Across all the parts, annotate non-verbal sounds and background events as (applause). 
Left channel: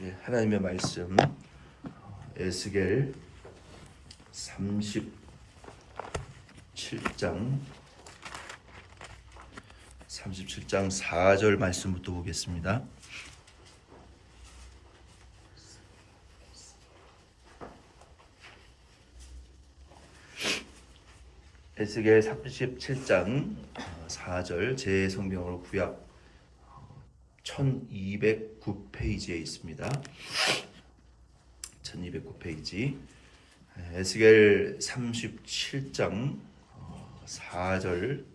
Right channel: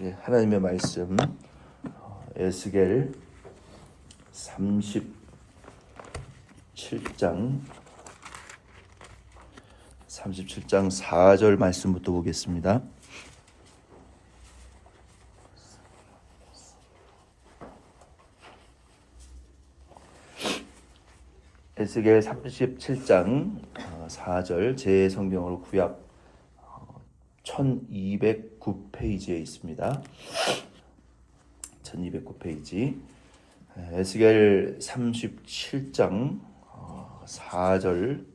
하나님의 말씀 어, 에스겔 37장 37장 4절 말씀부터 보겠습니다. 에스겔 37장 4절 제 성경으로 구약 1209페이지에 있습니다. 1209페이지 에스겔 37장 4절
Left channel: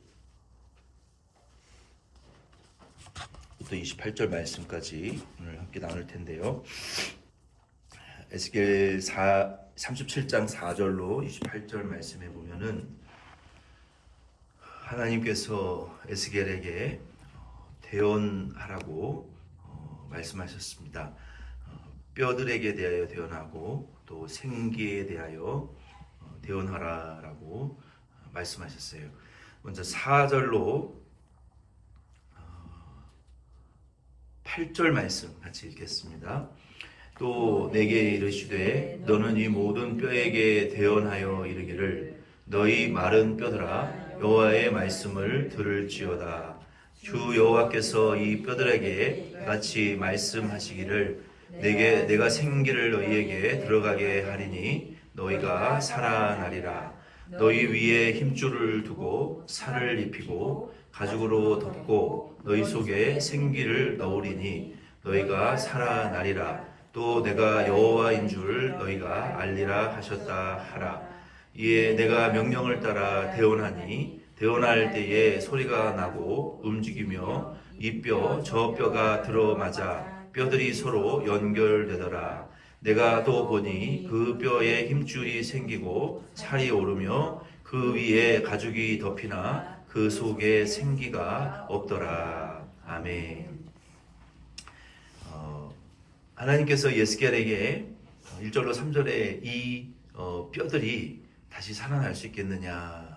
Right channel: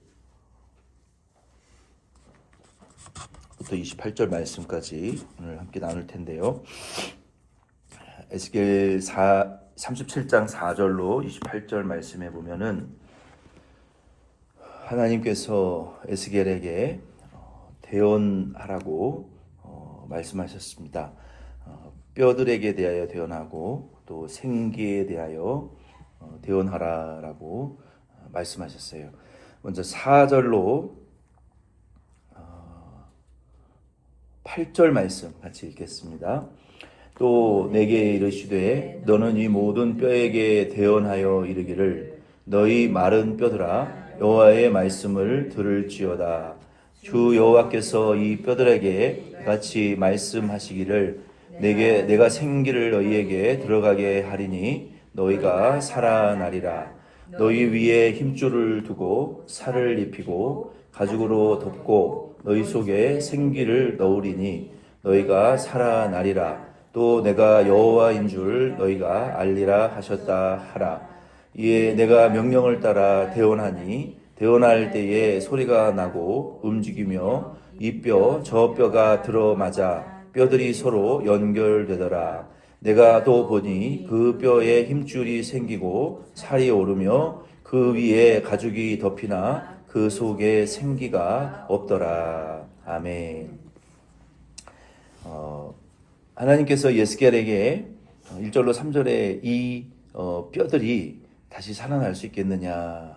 부터 28절 말씀까지 오늘 함께 나눌 텐데요. 에스겔 4, 37장 4절로 28절 말씀에 보면은 하나님께서 에스겔에게 대언하라고 어, 말씀하셨습니다. 어, 뼈들에게 대하여 대언하고 또 생기에 대하여 어, 대언하라라고 어, 말씀하셨어요. 먼저 4절로 어, 8절 말씀 같이 읽겠습니다. 또 내게 이르시되 너는 이 모든 뼈에게 대언하여 이르기를 너희 마른 뼈들아 여호와의 말씀을 들을지어다. 주 여호와께서 이 뼈들에게 같이 말씀하시기를 내게 내가 생기를 너희에게 들어가게 하리니 너희가 살아나리라. 너희 위에 힘줄을 두고 살을 입히고 가죽으로 덮고 너희 속에 생기를 넣으리니 너희가 살아나리라. 또 내가 여호와인 줄 너희가 알리라 하셨다 하라. 이에 내가 명령을 따라 대언하니 대언할 때에 소리가 나고 움직이며 이 뼈 저 뼈가 들어맞아 뼈들이 서로 연결되더라. 내가 또 보니 그 뼈에 힘줄이 생기고 살이 오르며 그 위에 가죽이 덮이나 그 속에 생기가 없더라. 아멘. 어, 하나님께서 예스겔에게 1절로 3절에 이 어, 뼈들이 다시 살아날 수 있겠느냐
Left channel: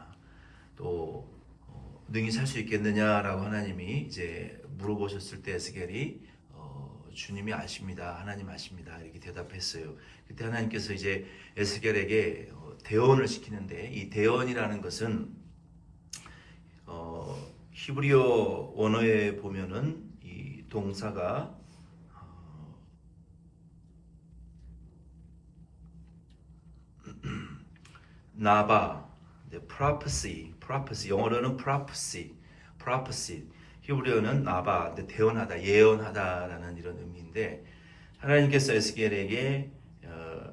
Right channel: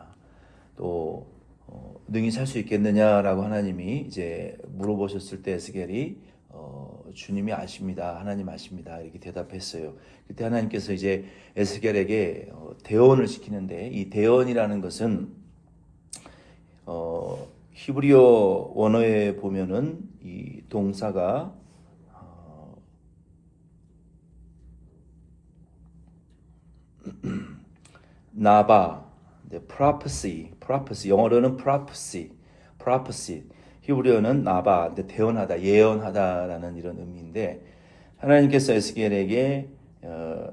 또 어, 능히 살 수 있겠느냐라고 하나님이 이제 물어보셨을 때 에스겔이 어, 주님이 아십니다. 하나님 아십니다. 이렇게 대답했어요. 그때 하나님께서 이제 에스겔에게 어, 대언을 시키는데 이 대언이라는 것은 어, 히브리어 원어에 보면은 이 동사가 어, (clears throat) 나바, 네, prophecy, prophecy. 영어로는 prophecy, prophecy. 히브리어는 나바, 근데 대언하다, 예언하다라는 이런 의미인데 하나님께서 에스겔에게 어,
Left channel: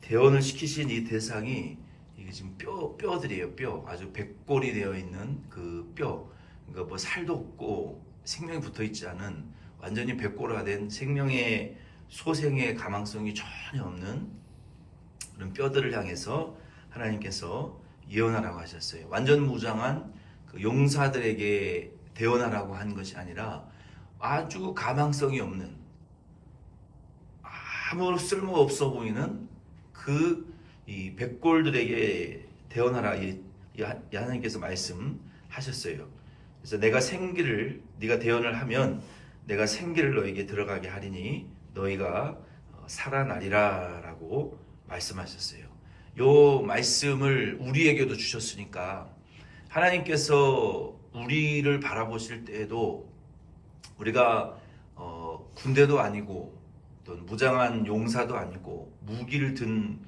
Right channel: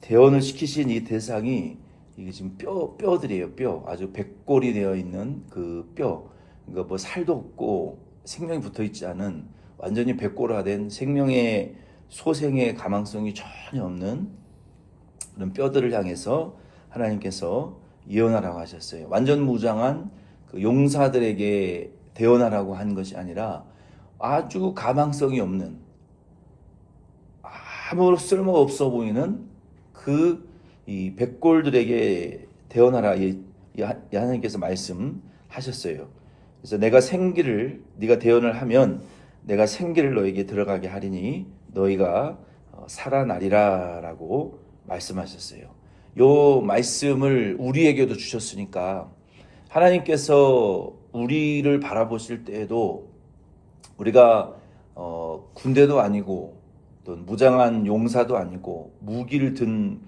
대언을 시키신 이 대상이 이게 지금 뼈 뼈들이에요, 뼈. 아주 백골이 되어 있는 그 뼈, 그러니까 뭐 살도 없고 생명이 붙어 있지 않은 완전히 백골화된 생명의 소생의 가망성이 전혀 없는 그런 뼈들을 향해서 하나님께서 예언하라고 하셨어요. 완전 무장한 그 용사들에게 대언하라고 한 것이 아니라 아주 가망성이 없는 아무 쓸모 없어 보이는 그 이 백골들에게 대언하라 이, 이 하나님께서 말씀하셨어요. 그래서 내가 생기를 네가 대언을 하면 내가 생기를 너에게 들어가게 하리니 너희가 어, 살아나리라라고 말씀하셨어요. 요 말씀을 우리에게도 주셨으니까 하나님께서 우리를 바라보실 때에도 우리가 어, 군대도 아니고 또 무장한 용사도 아니고 무기를 든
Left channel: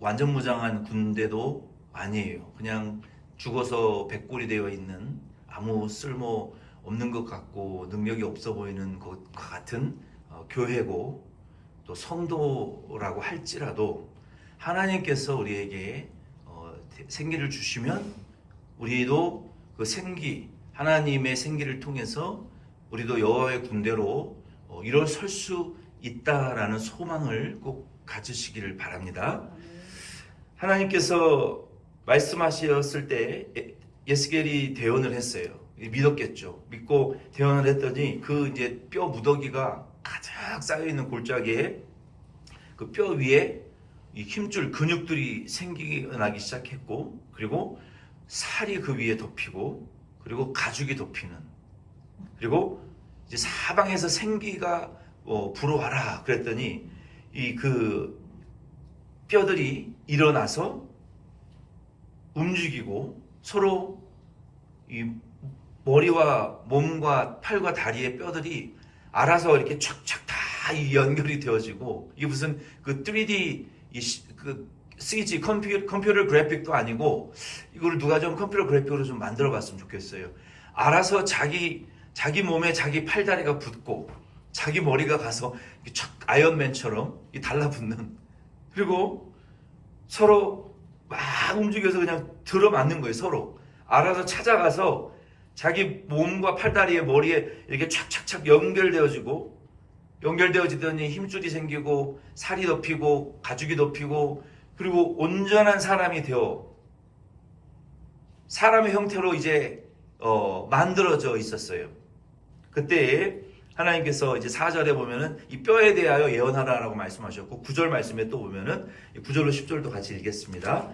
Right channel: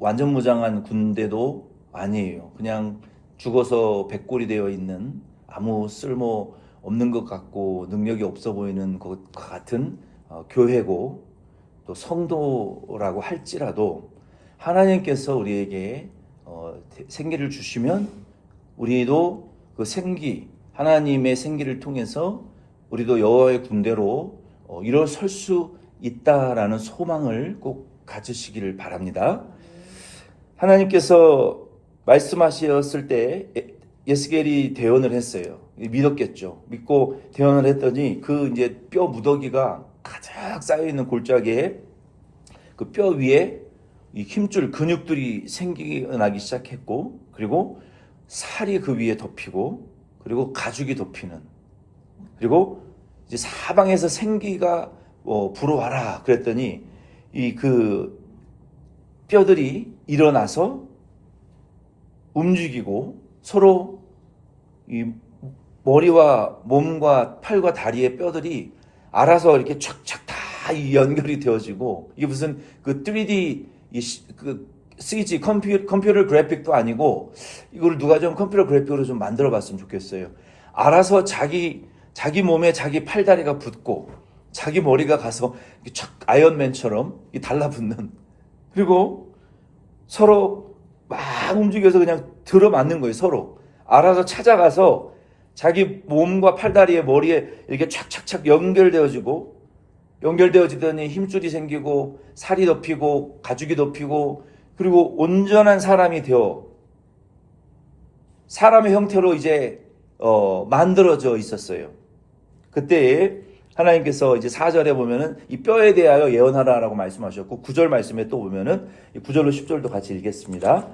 완전 무장한 군대도 아니에요. 그냥 죽어서 백골이 되어 있는 아무 쓸모 없는 것 같고 능력이 없어 보이는 것과 같은 어, 교회고 또 성도라고 할지라도 하나님께서 우리에게 어, 생기를 주시면 우리도 그 생기 하나님의 생기를 통해서 우리도 여호와의 군대로 어, 일어설 수 있다라는 소망을 꼭 가지시기를 바랍니다. 하나님께서 말씀하셨을 때 예스겔이 대언을 했어요. 믿었겠죠. 믿고 대언을 했더니 그 이제 뼈 무더기가 가득 쌓여 있는 골짜기에 그 뼈 위에 이 힘줄 근육들이 생기나기 시작했고 그리고 살이 그 위에 덮이고 그리고 가죽이 덮이는 그리고 이제 사방에서 생기가 어, 불어와라 그랬더니 이 그 뼈들이 일어나서 움직이고 서로 이 머리와 몸과 팔과 다리의 뼈들이 알아서 이렇게 촥촥 다이 연결이 되어지고 이게 무슨 그 3D 이 시- 그 CG 컴퓨, 컴퓨터 그래픽도 아니고 이걸 누가 좀 컴퓨터 그래픽으로 좀 만들어 봤으면 좋겠어요. 알아서 자기 자기 몸에 자기 팔다리가 붙고 자기 머리가 가서 촥 아이언맨처럼 이 달라붙는 그리고 서로 막 움직여서 그냥 들어맞는 거예요 서로 알아서 찾아가서 자기 몸과 팔다리에 머리에 이렇게 착착착 연결되어지고 연결되어지더니 힘줄이 생기고 살이 덮이고 가죽이 덮이고 그리고 온전한 사람이 되어 사람의 형태로 이제 어, 만들어져 있었어요. 그때 하나님께서 이제 4절에 보면은 이 뼈에 대하여 예언하라라고 말씀하셨고 9절 말씀에 또 보면은 9절로 10절도 같이 읽겠습니다.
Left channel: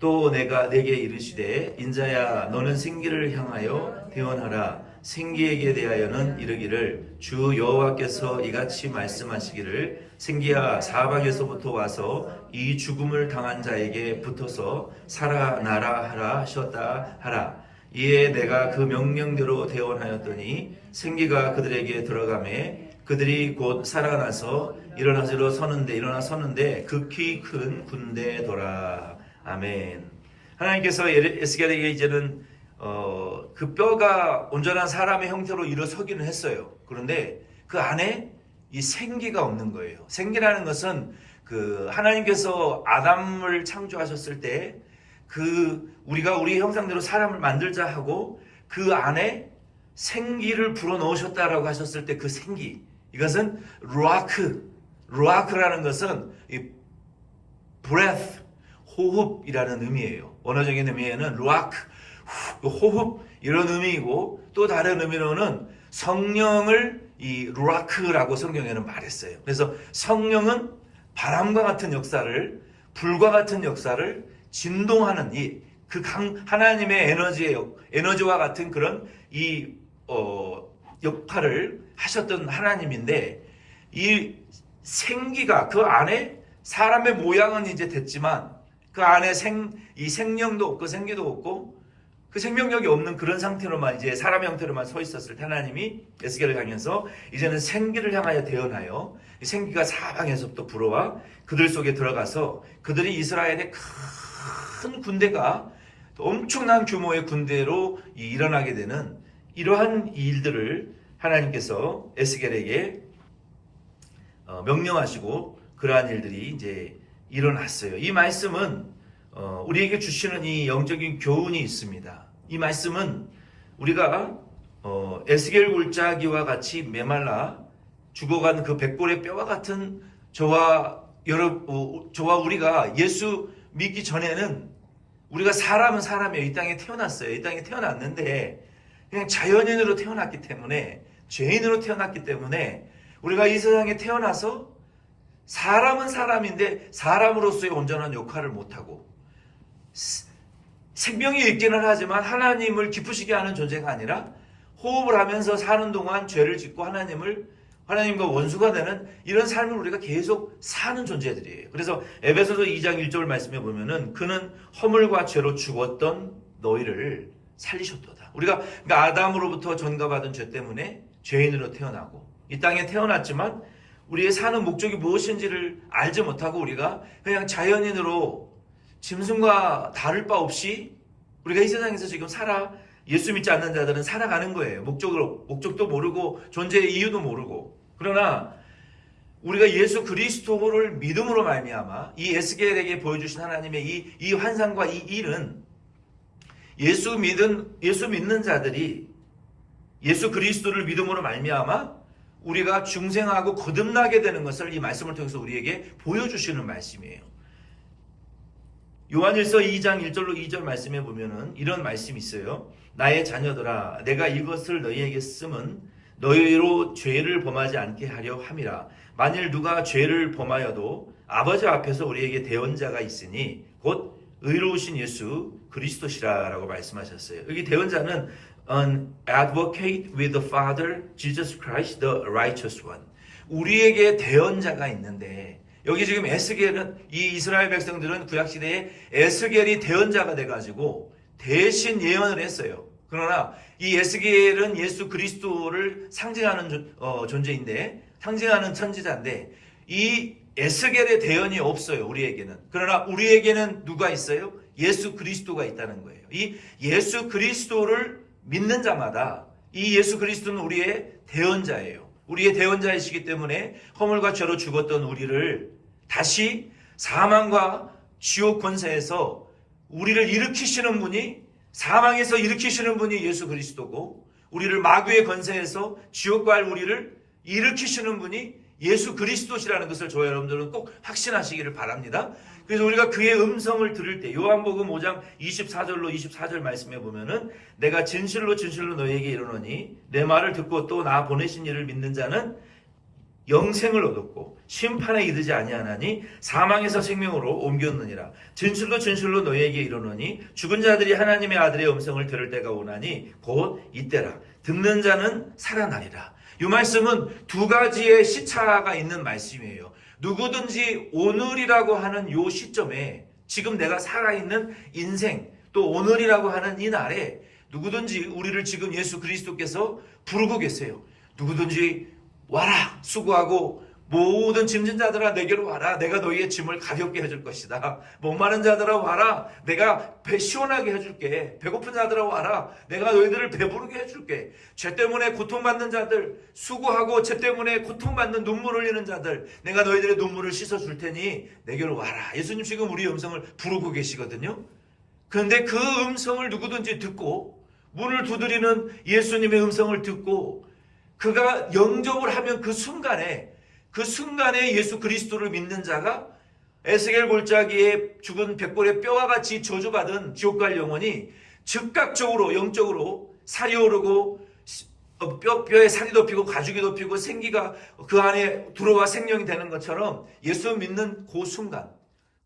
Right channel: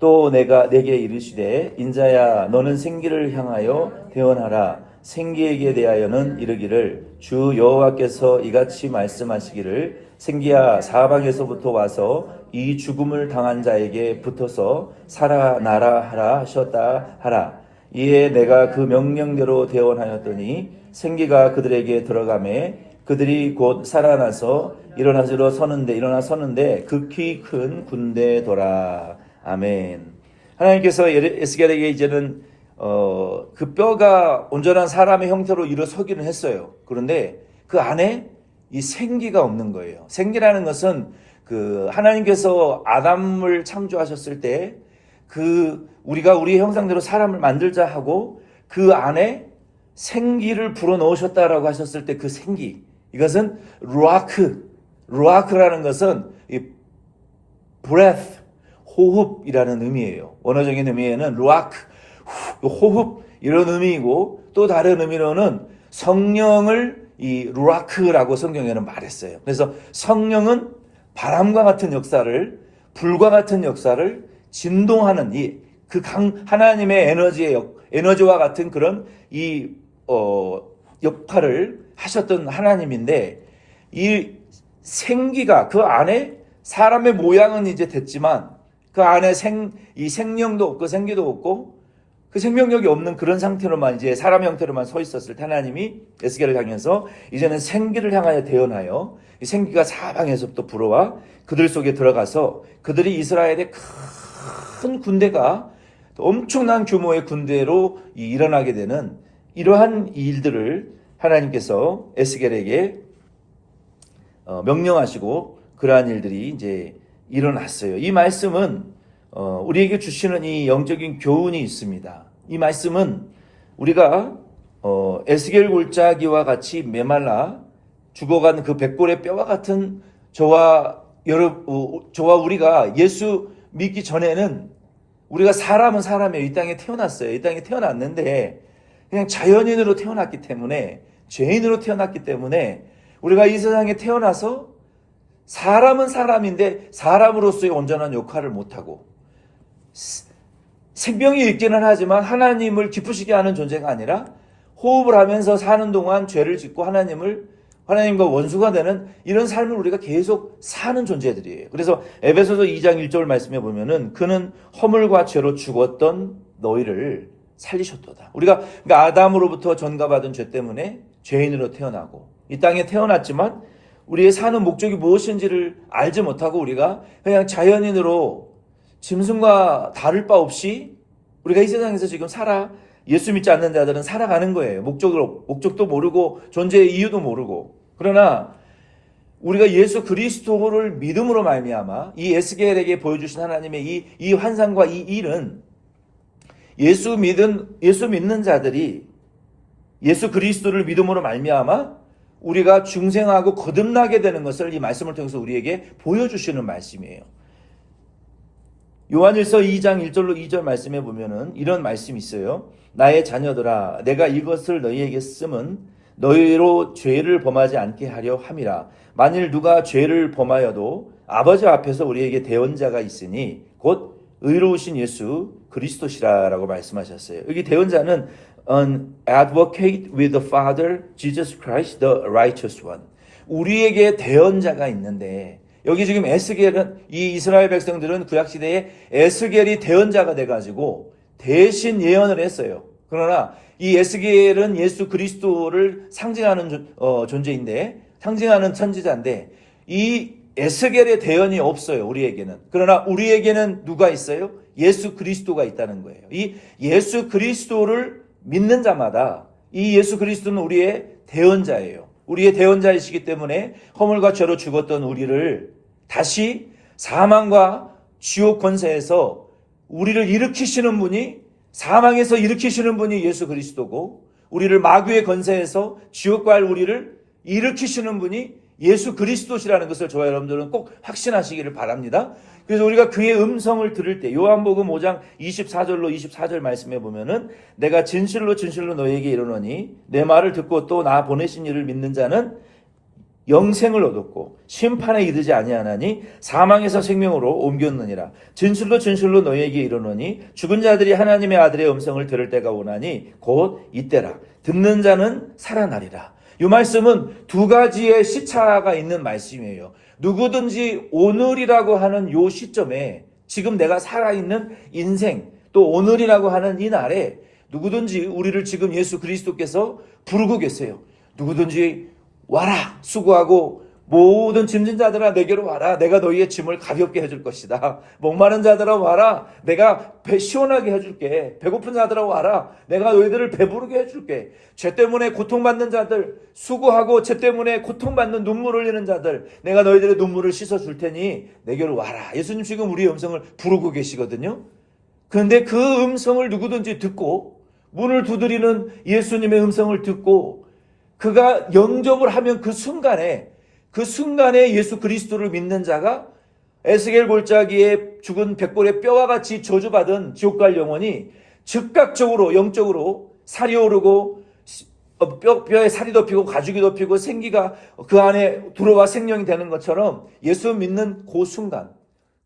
또 내가 내게 이르시되 인자야 너는 생기를 향하여 대언하라 생기에게 대하여는 이르기를 주 여호와께서 이같이 말씀하시기를 생기야 사방에서부터 와서 이 죽음을 당한 자에게 붙어서 살아나라 하라 하셨다 하라 이에 내가 그 명령대로 대언하였더니 생기가 그들에게 들어가매 그들이 곧 살아나서 일어나서 서는데 일어나 서는데 극히 큰 군대더라 아멘. 하나님께서 에스겔에게 이제는 어, 그 뼈가 온전한 사람의 형태로 일어서기는 했어요. 그런데 그 안에 이 생기가 없는 거예요. 생기라는 것은 그 하나님께서 아담을 창조하셨을 때 그 우리가 우리 형상대로 사람을 만들자 하고 그 안에 생기를 불어 넣으셨다라고 하셨을 때 그 생기 이것은 루아크 루아크라는 것은 이 breath 호흡이라는 의미예요. 원어적인 의미에는 루아크 후, 호흡 이런 의미이고 또 다른 의미로는 성령을 이 루아크라고 성경에는 말했어요. 그래서 성령은 바람과 같은 역사를 불과 같은 역사를 진동하는 이 그 강 하나님의 에너지의 역, 에너지와 같은 그런 이 어, 역할을 하셨던 하나님인데 이 생기가 그 안에 사람의 모양은 이제 됐지만 그 안에 생, 이 생명도 없고 생기도 없고 그 생명력이 없는 그런 상태로만 이제 사람 형태로만 서 있었을 때 하나님이 에스겔을 향해서 이제는 생기를 향하여 대언하여 이 생기가 사방에서부터 불어와 그들 속에 들어가서 그들이 이스라엘의 큰 군대가 엄청난 규모의 군대로 이- 일어나게 되는 이러한 일들을 하나님께서 에스겔에게 어, 명령하시고 그러한 일들이 이제 일어났어요. 이 말씀은 어, 우리에게 주시는 이 영적인 교훈이 있습니다. 이 말씀은 우리가 어, 에스겔 골짜기와 같이 메말라 죽어간 그 백골의 뼈와 같은 저와 여러 어, 저와 우리가 예수 믿기 전에는 우리가 사람은 사람이에요. 이 땅에 태어났어요. 이 땅에 태어났는데 그냥 자연인으로 태어났기 때문에 죄인으로 태어났기 때문에 우리가 이 세상에 태어나서 사람은 사람인데 사람으로서의 온전한 역할을 못하고 스- 생명이 있기는 하지만 하나님을 기쁘시게 하는 존재가 아니라 호흡을 하면서 사는 동안 죄를 짓고 하나님을 하나님과 원수가 되는 이런 삶을 우리가 계속 사는 존재들이에요. 그래서 에베소서 2장 1절 말씀에 보면은 그는 허물과 죄로 죽었던 너희를 살리셨도다. 우리가 그러니까 아담으로부터 전가받은 죄 때문에 죄인으로 태어나고 이 땅에 태어났지만 우리의 사는 목적이 무엇인지를 알지 못하고 우리가 그냥 자연인으로 짐승과 다를 바 없이 우리가 이 세상에서 지금 살아 예수 믿지 않는 자들은 살아가는 거예요. 목적을 목적도 모르고 존재의 이유도 모르고 그러나 우리가 예수 그리스도를 믿음으로 말미암아 이 에스겔에게 보여주신 하나님의 이, 이 환상과 이 일은 예수 믿은 예수 믿는 자들이 예수 그리스도를 믿음으로 말미암아 우리가 중생하고 거듭나게 되는 것을 이 말씀을 통해서 우리에게 보여주시는 말씀이에요. 요한일서 2장 1절로 2절 말씀에 보면은 이런 말씀이 있어요. 나의 자녀들아 내가 이것을 너희에게 쓰면 너희로 죄를 범하지 않게 하려 함이라. 만일 누가 죄를 범하여도 아버지 앞에서 우리에게 대언자가 있으니 곧 의로우신 예수 그리스도시라라고 말씀하셨어요. 여기 대언자는 an advocate with the Father Jesus Christ the righteous one. 우리에게 대언자가 있는데 여기 지금 에스겔은 이 이스라엘 백성들은 구약 시대에 에스겔이 대언자가 돼 가지고 대신 예언을 했어요. 그러나 이 에스겔은 예수 그리스도를 상징하는 존- 어, 존재인데 상징하는 천지자인데 이 에스겔의 대언이 없어요. 우리에게는. 그러나 우리에게는 누가 있어요? 예수 그리스도가 있다는 거예요. 이 예수 그리스도를 믿는 자마다 이 예수 그리스도는 우리의 대언자예요. 우리의 대언자이시기 때문에 허물과 죄로 죽었던 우리를 다시 사망과 지옥 권세에서 우리를 일으키시는 분이 사망에서 일으키시는 분이 예수 그리스도고 우리를 마귀의 권세에서 지옥 갈 우리를 일으키시는 분이 예수 그리스도시라는 것을 저와 여러분들은 꼭 확신하시기를 바랍니다. 그래서 우리가 그의 음성을 들을 때 요한복음 5장 24절로 24절 말씀에 보면은 내가 진실로 진실로 너에게 이르노니 내 말을 듣고 또 나 보내신 이를 믿는 자는 영생을 얻었고 심판에 이르지 아니하나니 사망에서 생명으로 옮겼느니라. 진실로 진실로 너희에게 이르노니 죽은 자들이 하나님의 아들의 음성을 들을 때가 오나니 곧 이때라. 듣는 자는 살아나리라. 이 말씀은 두 가지의 시차가 있는 말씀이에요. 누구든지 오늘이라고 하는 요 시점에 지금 내가 살아있는 인생 또 오늘이라고 하는 이 날에 누구든지 우리를 지금 예수 그리스도께서 부르고 계세요. 누구든지 와라 수고하고 모든 짐진 자들아 내게로 와라. 내가 너희의 짐을 가볍게 해줄 것이다. 목마른 자들아 와라. 내가 배 시원하게 해줄게. 배고픈 자들아 와라. 내가 너희들을 배부르게 해줄게. 죄 때문에 고통받는 자들 수고하고 죄 때문에 고통받는 눈물 흘리는 자들 내가 너희들의 눈물을 씻어줄 테니 내게로 와라. 예수님 지금 우리의 음성을 부르고 계시거든요. 그런데 그 음성을 누구든지 듣고 문을 두드리는 예수님의 음성을 듣고 그가 영접을 하면 그 순간에 그 순간에 예수 그리스도를 믿는 자가 에스겔 골짜기에 죽은 백골의 뼈와 같이 저주받은 지옥 갈 영혼이 즉각적으로 영적으로 살이 오르고 어, 뼈, 뼈에 살이 덮이고 가죽이 덮이고 생기가 그 안에 들어와 생명이 되는 것처럼 예수 믿는 그 순간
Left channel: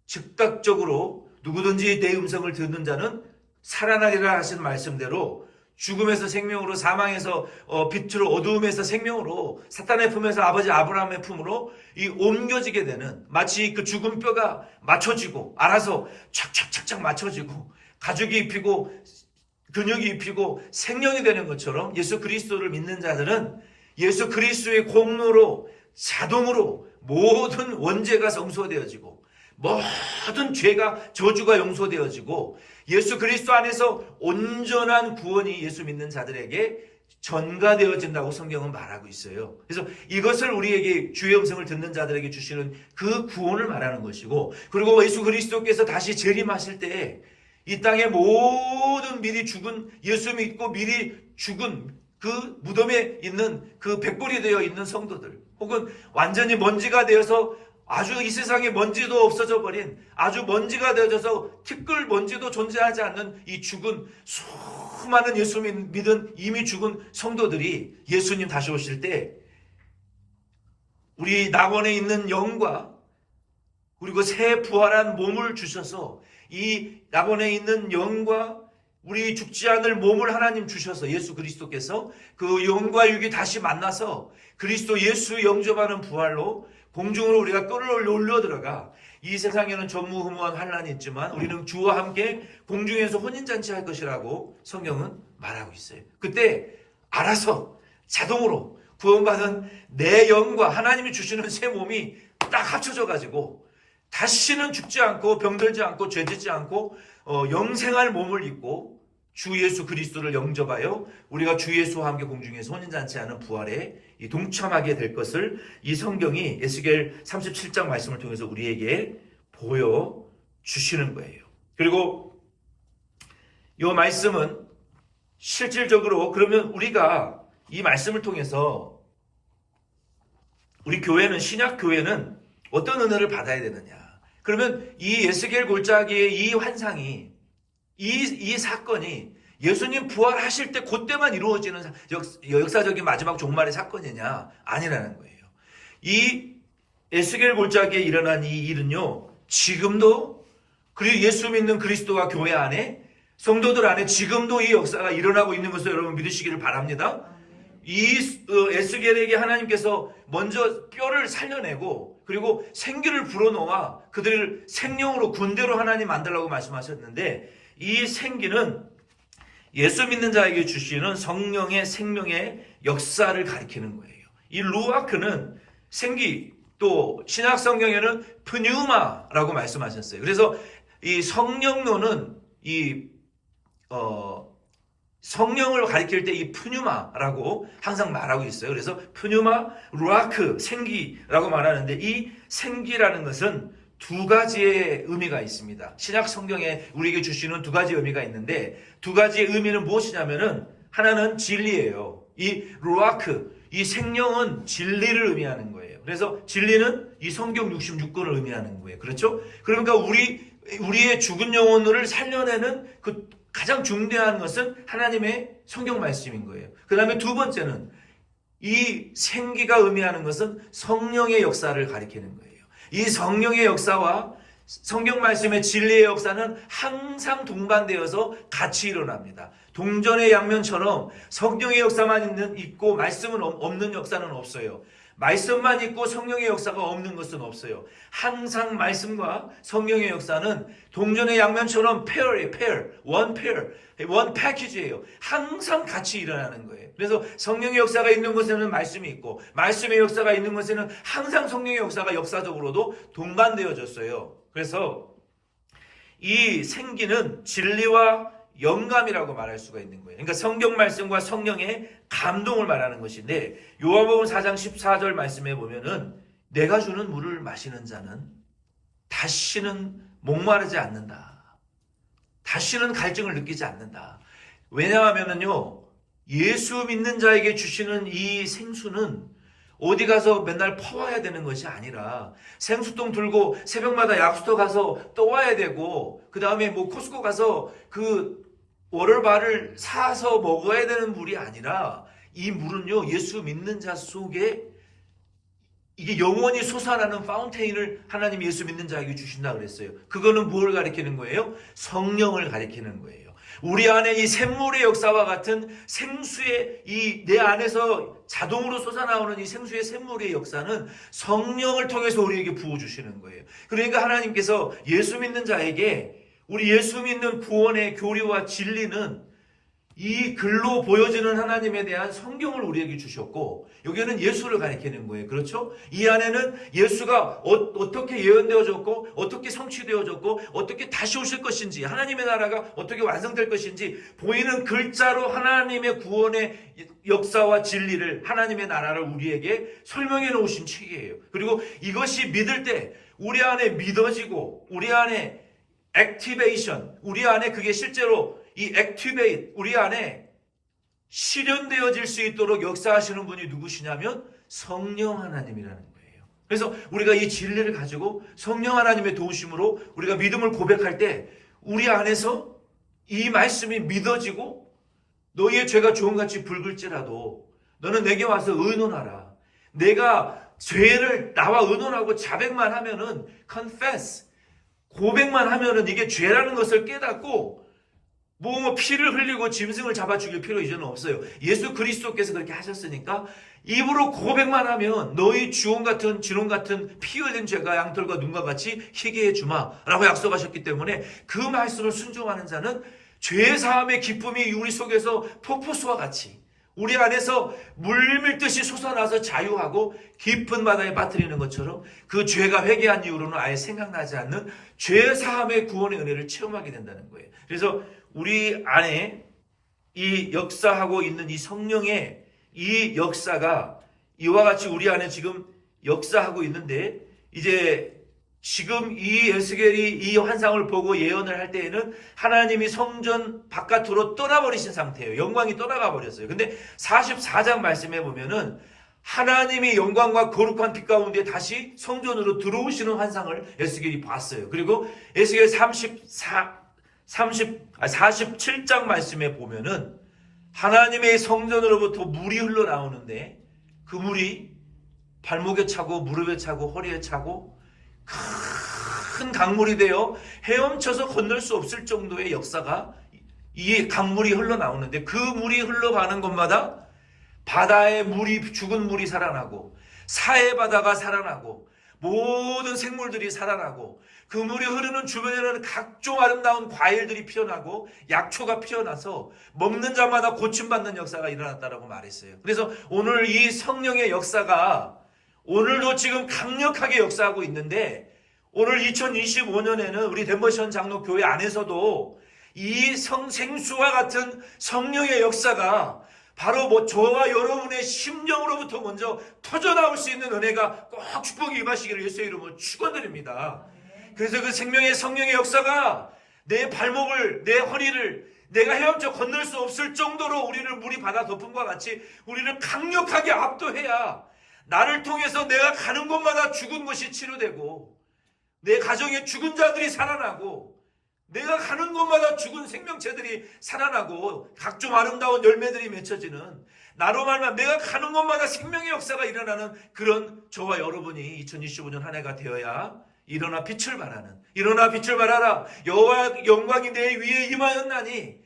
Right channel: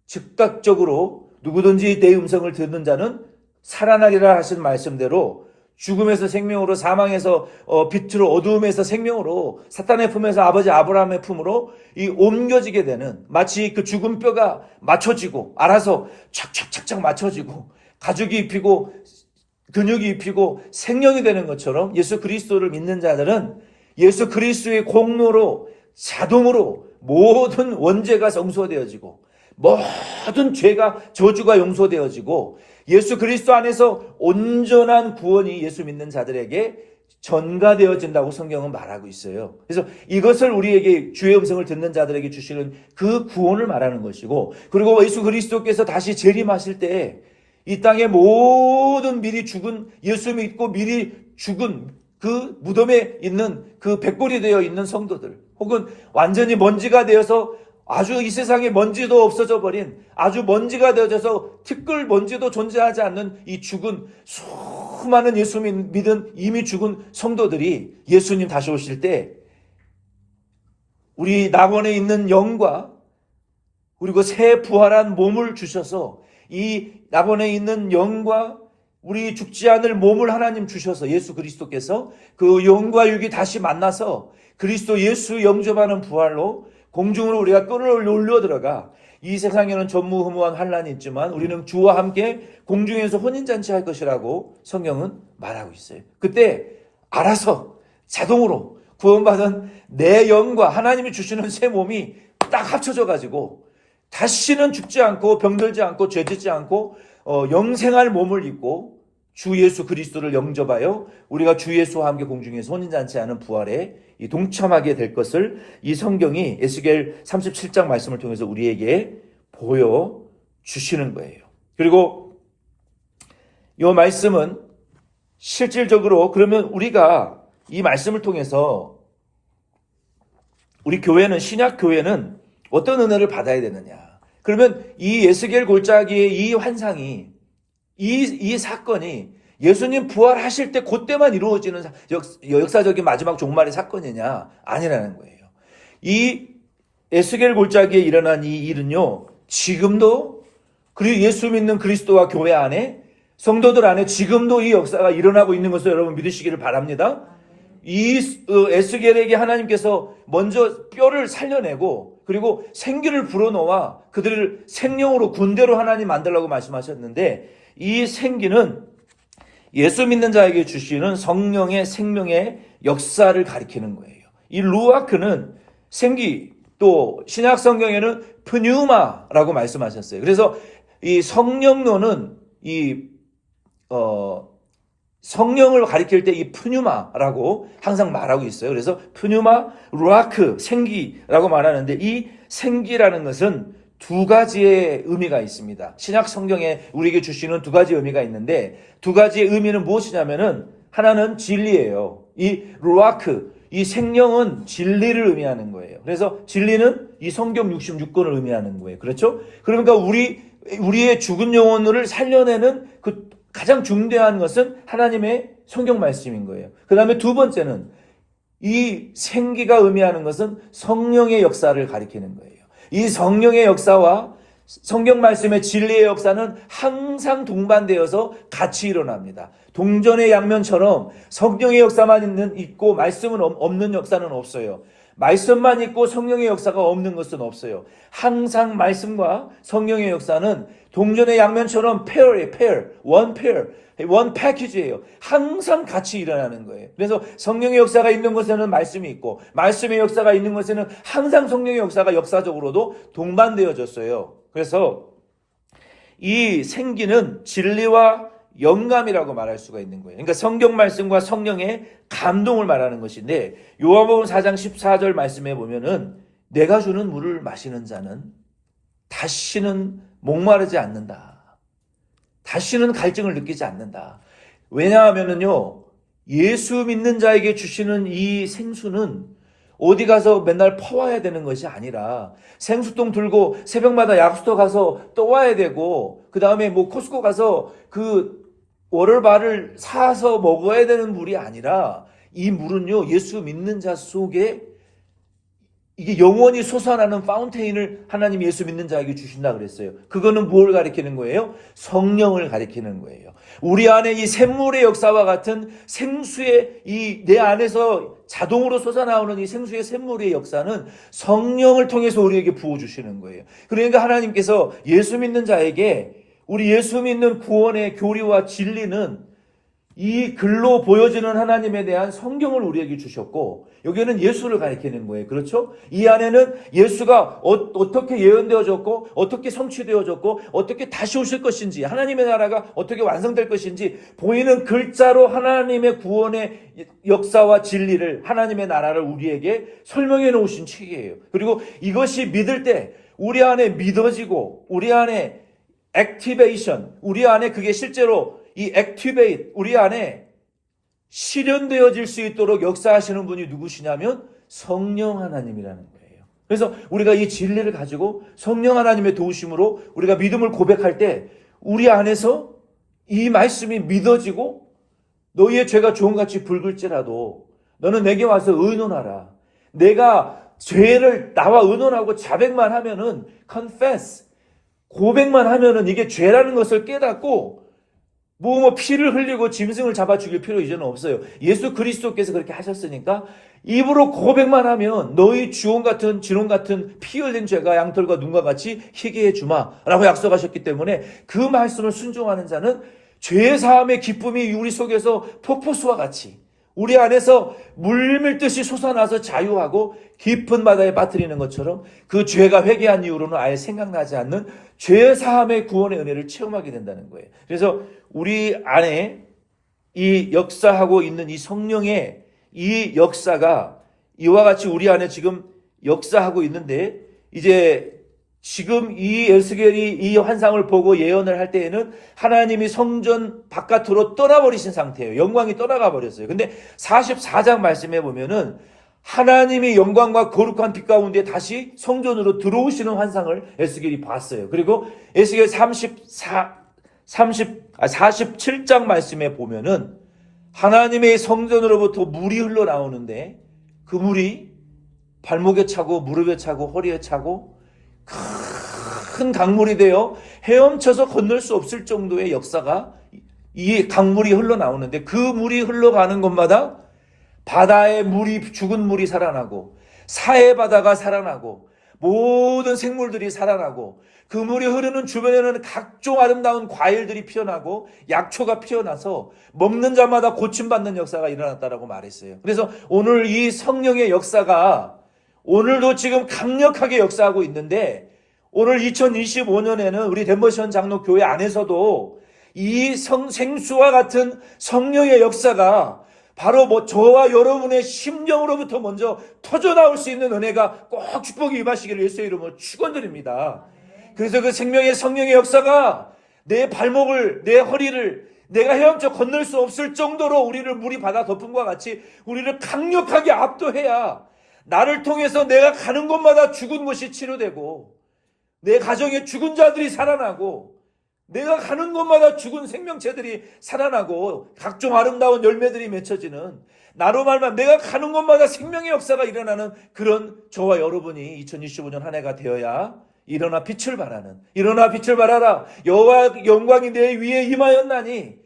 즉각적으로 누구든지 내 음성을 듣는 자는 살아나리라 하신 말씀대로 죽음에서 생명으로 사망에서 어, 빛으로 어두움에서 생명으로 사탄의 품에서 아버지 아브라함의 품으로 이 옮겨지게 되는 마치 그 죽은 뼈가 맞춰지고 알아서 착착착착 맞춰지고 가죽이 입히고 근육이 입히고 생명이 되는 것처럼 예수 그리스도를 믿는 자들은 예수 그리스도의 공로로 자동으로 모든 원죄가 성소되어지고 모든 죄가 저주가 용서되어지고 예수 그리스도 안에서 온전한 구원이 예수 믿는 자들에게 전가되어진다고 성경은 말하고 있어요. 그래서 이것을 우리에게 주의 음성을 듣는 자들에게 주시는 그 구원을 말하는 것이고, 그리고 예수 그리스도께서 다시 재림하실 때 이 땅의 모든 미리 죽은 예수 믿고 미리 죽은 그 무덤에 있는 그 백골이 되어 있는 성도들, 혹은 완전히 먼지가 되어서 아주 이 세상에 먼지도 없어져 버린 아주 먼지가 되어져서 티끌 먼지도 존재하지 않는 이 죽은 수많은 예수 믿은 이미 죽은 성도들이 예수님 다시 오실 때 우리 낙원에 있는 영과 그리고 새 부활한 몸을 주셔서 이 낙원에 있는 영과 우리 죽지 않을 몸을 하나님 주셔서 예수 그리스도께서 그 영과 육이 다시 만나서 그리스도 예수 영접하는 부활로 공중으로 우리가 끌어올려 들어가 이 세상에는 전무후무한 환란이 있지만 우리는 주와 함께 공중에서 혼인잔치 할 것이라고 성경은 말하고 있어요. 그때 알아서 자동으로 구원받은 내 영과 하나님이 주시는 새 몸이 딱 합쳐져 가지고 다시는 죽지 않고 병들지 않고 죄짓지 않고 어, 영생할 몸을 입고 주 예수 그리스도를 영접하여 우리가 주 예수와 함께 공중에서 혼인잔치 하는 부활에 이 동참하게 될 것을 이 성경이 에스겔 37장 말씀을 통해서 우리에게 보여 주시는 거예요. 그리고 이 말씀은 실질적으로 그러면 우리가 이 말씀을 통해서 우리 교회는 신약 교회는 어떤 은혜를 받아야 되느냐? 그러면 이 에스겔 골짜기의 이 환상이 이, 이 사건이 예수님 부활하실 때 그때만 이루어지는 역, 역사적인 마지막 종말의 사건이냐? 아니라는 거예요. 이 에스겔 골짜기에 일어난 이 일은요, 지금도, 그리고 예수 믿는 그리스도와 교회 안에, 성도들 안에 지금도 이 역사가 일어나고 있는 것을 여러분 믿으시기를 바랍니다. 이 어, 에스겔에게 하나님께서 먼저 뼈를 살려내고 그리고 생기를 불어넣어 그들을 생명으로 군대로 하나님 만들라고 말씀하셨는데 이 생기는 예수 믿는 자에게 주시는 성령의 생명의 역사를 가리키는 거예요. 이 루아크는 생기 또 신약 성경에는 프뉴마라고 말씀하셨어요. 그래서 이 성령론은 이 어, 성령을 가리킬 때 이 푸뉴마라고 항상 말하고 있어요. 그래서 푸뉴마, 루아크, 생기라고 말하는데 이 생기라는 것은 두 가지의 의미가 있습니다. 신약 성경에 우리에게 주시는 두 가지 의미가 있는데 두 가지의 의미는 무엇이냐면은 하나는 진리예요. 이 루아크, 이 생명은 진리를 의미하는 거예요. 그래서 진리는 이 성경 66권을 의미하는 거예요. 그렇죠? 그러니까 우리 우리의 죽은 영혼을 살려내는 그 가장 중대한 것은 하나님의 성경 말씀인 거예요. 그 다음에 두 번째는 이 생기가 의미하는 것은 성령의 역사를 가리키는 거예요. 이 성령의 역사와 성경 말씀의 진리의 역사는 항상 동반되어서 같이 일어납니다. 동전의 양면처럼 성령의 역사만 있는, 있고 말씀은 없- 없는 역사는 없어요. 말씀만 있고 성령의 역사가 없는 것은 없어요. 항상 말씀과 성령의 역사는 동전의 양면처럼 페어예요, 페어. 원 페어. 원 패키지예요. 항상 같이 일어나는 거예요. 그래서 성령의 역사가 있는 곳에는 말씀이 있고 말씀의 역사가 있는 곳에는 항상 성령의 역사가 역사적으로도 동반되어졌어요. 그래서 이 생기는 진리와 영감이라고 말할 수가 있는 거예요. 그러니까 성경 말씀과 성령의 감동을 말하는 것인데 요한복음 4장 14절 말씀에 보면은 내가 주는 물을 마시는 자는 다시는 목마르지 않는다. 다시는 갈증을 느끼지 않는다. 왜냐하면은요, 예수 믿는 자에게 주시는 이 생수는 어디 가서 맨날 퍼와야 되는 것이 아니라 생수통 들고 새벽마다 약수터 가서 떠와야 되고 그 다음에 뭐 코스코 가서 그 워럴바를 사서 먹어야 되는 물이 아니라 이 물은요 예수 믿는 자 속에 이게 영원히 솟아나는 파운테인을 하나님 예수 믿는 자에게 주신다 그랬어요. 그거는 무엇을 가리키는 거예요? 성령을 가리키는 거예요. 우리 안에 이 샘물의 역사와 같은 생수의 이 내 안에서 자동으로 솟아나오는 이 생수의 샘물의 역사는 성령을 통해서 우리에게 부어주시는 거예요. 그러니까 하나님께서 예수 믿는 자에게 우리 예수 믿는 구원의 교리와 진리는 이 글로 보여지는 하나님에 대한 성경을 우리에게 주셨고 여기는 예수를 가리키는 거예요. 그렇죠? 이 안에는 예수가 어, 떻게 예언되어졌고 어떻게 성취되어졌고 어떻게 다시 오실 것인지 하나님의 나라가 어떻게 완성될 것인지 보이는 글자로 하나님의 구원의 역사와 진리를 하나님의 나라를 우리에게 설명해 놓으신 책이에요. 그리고 이것이 믿을 때 우리 안에 믿어지고 우리 안에 액티베이션 우리 안에 그게 실제로 이 액티베이트 우리 안에 실현되어질 수 있도록 역사하시는 분이 누구시냐면 성령 하나님이라는 거예요. 그래서 우리가 이 진리를 가지고 성령 하나님의 도우심으로 우리가 믿음을 고백할 때 우리 안에서 이 말씀이 믿어지고 너희의 죄가 종같이 붉을지라도 너는 내게 와서 의논하라. 내가 죄를 나와 의논하고 자백만 하면은 confess 고백만 하면은 이게 죄라는 것을 깨닫고 뭐, 뭐, 피를 흘리고 짐승을 잡아 죽일 필요 이제는 없어요. 예수 그리스도께서 그렇게 하셨으니까, 입으로 고백만 하면, 너희 주홍 같은, 진홍 같은 피 흘린 죄가 양털과 눈과 같이 희게 해주마. 라고 약속하셨기 때문에, 그 말씀을 순종하는 자는 죄의 사함의 기쁨이 우리 속에서 폭포수와 같이, 우리 안에서 물밀듯이 솟아나서 자유하고 깊은 바다에 빠뜨리는 것처럼 그 죄가 회개한 이후로는 아예 생각나지 않는 죄 사함의 구원의 은혜를 체험하게 된다는 거예요. 그래서 우리 안에 이 역사하고 있는 이 성령의 이 역사가 이와 같이 우리 안에 지금 역사하고 있는데 이제 지금 이 에스겔이 이 환상을 보고 예언을 할 때에는 하나님이 성전 바깥으로 떠나버리신 상태예요. 영광이 떠나가 버렸어요. 근데 44장 말씀해 보면은 하나님이 영광과 거룩한 빛 가운데 다시 성전으로 들어오시는 환상을 에스겔이 봤어요. 그리고 에스겔 34 30, 아, 47장 말씀에 보면은 하나님의 성전으로부터 물이 흘러나오는데 그 물이 발목에 차고 무릎에 차고 허리에 차고 큰 강물이 되어 헤엄쳐서 건널 수 없을 정도의 역사가 이 강물이 흘러나오는데 그 물이 흘러가는 곳마다 바다의 물이 죽은 물이 살아나고 사해 바다가 살아나고 모든 생물들이 살아나고 그 물이 흐르는 주변에는 각종 아름다운 과일들이 피어나고 약초가 피어나서 먹는 자마다 고침받는 역사가 일어났다라고 말했어요. 그래서 오늘 이 성령의 역사가 오늘도 지금 강력하게 역사하고 있는데 오늘 2025년에는 우리 덴버션 장로 교회 안에서도 이 성, 생수와 같은 성령의 역사가 바로 뭐 저와 여러분의 심령으로부터 먼저 터져나올 수 있는 은혜가 꼭 축복이 임하시기를 예수의 이름으로 축원드립니다. 그래서 그 생명의 성령의 역사가 내 발목을 내 허리를 내가 헤엄쳐 건널 수 없을 정도로 우리를 물이 받아 덮은 것과 같이 우리를 강력하게 압도해야 나를 통해서 내가 가는 곳마다 죽은 것이 치료되고 내 가정에 죽은 자들이 살아나고 내가 가는 곳마다 죽은 생명체들이 살아나고 각종 아름다운 열매들이 맺혀지는 나로 말만 내가 가는 곳마다 생명의 역사가 일어나는 그런 저와 여러분이 2025년 한 해가 되어야 일어나 빛을 발하는 일어나 빛을 발하라. 여호와 영광이 내 위에 임하였나니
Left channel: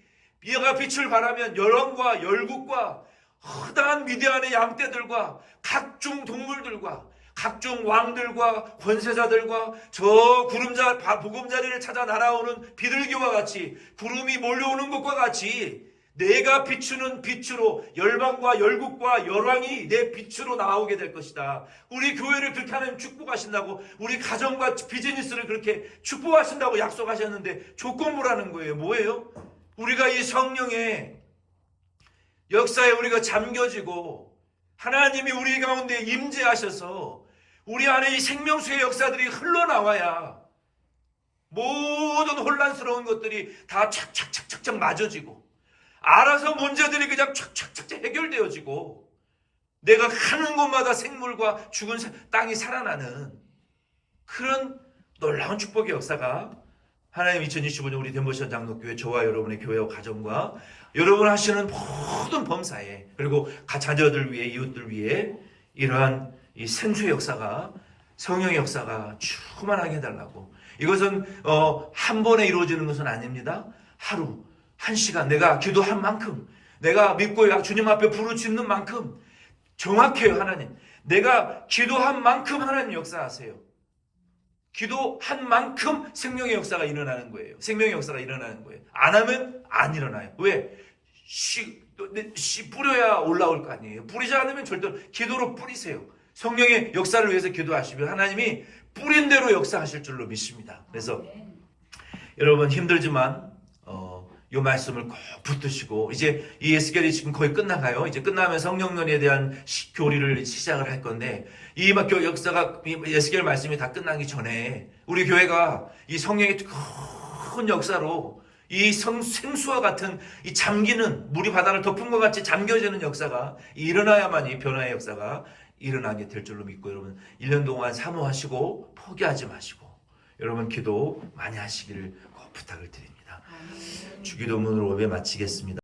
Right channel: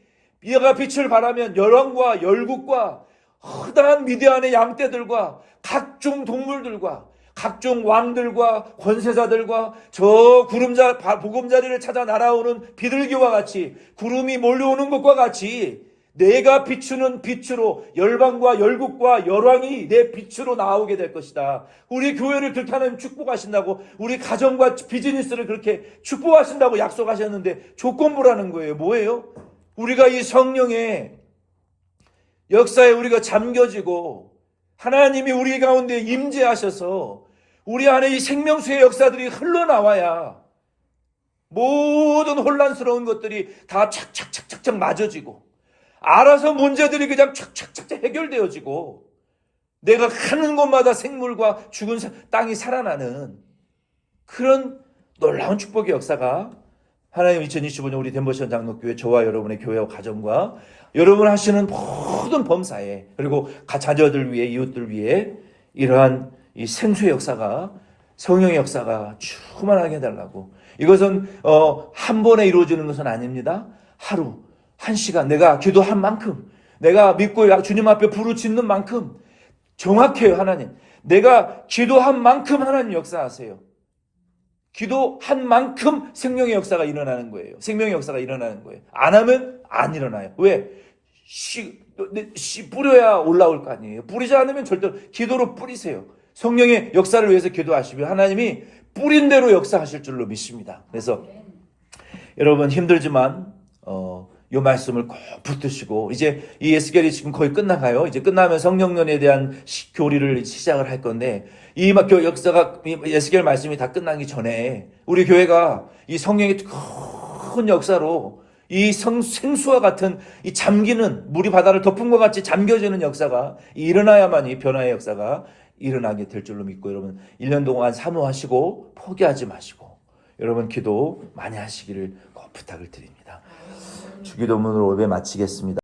이가 빛을 발하면 열왕과 열국과 허다한 미디안의 양떼들과 각종 동물들과 각종 왕들과 권세자들과 저 구름자 보금자리를 찾아 날아오는 비둘기와 같이 구름이 몰려오는 것과 같이 내가 비추는 빛으로 열방과 열국과 열왕이 내 빛으로 나오게 될 것이다. 우리 교회를 그렇게 하나님 축복하신다고 우리 가정과 비즈니스를 그렇게 축복하신다고 약속하셨는데 조건부라는 거예요. 뭐예요? 우리가 이 성령의 역사에 우리가 잠겨지고 하나님이 우리 가운데 임재하셔서 우리 안에 이 생명수의 역사들이 흘러나와야 모든 혼란스러운 것들이 다 착착착착착 맞아지고 알아서 문제들이 그냥 착착착착 해결되어지고 내가 가는 곳마다 생물과 죽은 사- 땅이 살아나는 그런 놀라운 축복의 역사가 하나님 2025년 우리 덴버션 장로교회 저와 여러분의 교회와 가정과 여러분 하시는 모든 범사에 그리고 가- 자녀들 위해 이웃들 위해 이러한 이 생수의 역사가 성령의 역사가 충만하게 해달라고 이것은 어, 한 번에 이루어지는 것은 아닙니다. 하루 한 시간 내가 기도한 만큼 내가 믿고 주님 앞에 부르짖는 만큼 정확해요 하나님. 내가 기도한 만큼 하나님 역사하세요. 기도한 만큼 생명의 역사가 일어나는 거예요. 생명의 역사가 일어나는 거예요. 안 하면 안 일어나요. 왜? 씨, 씨 뿌려야 올라올 거 아니에요. 뿌리지 않으면 절대 기도로 뿌리세요. 성령의 역사를 위해서 기도하시면 하나님이 뿌린 대로 역사하실 줄로 믿습니다. 그래서 여러분 힘들지만 어, 이 말씀을 꼭 붙드시고 이제 이 에스겔이 지금 거의 끝나가요. 이제 끝나면 성령론에 대한 시- 교리를 시작을 할 건데 이막 교- 역사가 이 에스겔 말씀이 다 끝나기 전에 우리 교회가 이 성령의 큰 역사로 이 성, 생수와 같은 이 잠기는 물이 바다를 덮은 것 같이 잠겨지는 역사가 일어나야만 이 변화의 역사가 일어나게 될 줄로 믿고 여러분 1년 동안 사모하시고 포기하지 마시고 여러분 기도 많이 하시기를 꼭 부탁을 드립니다. 주기도문으로 예배 마치겠습니다.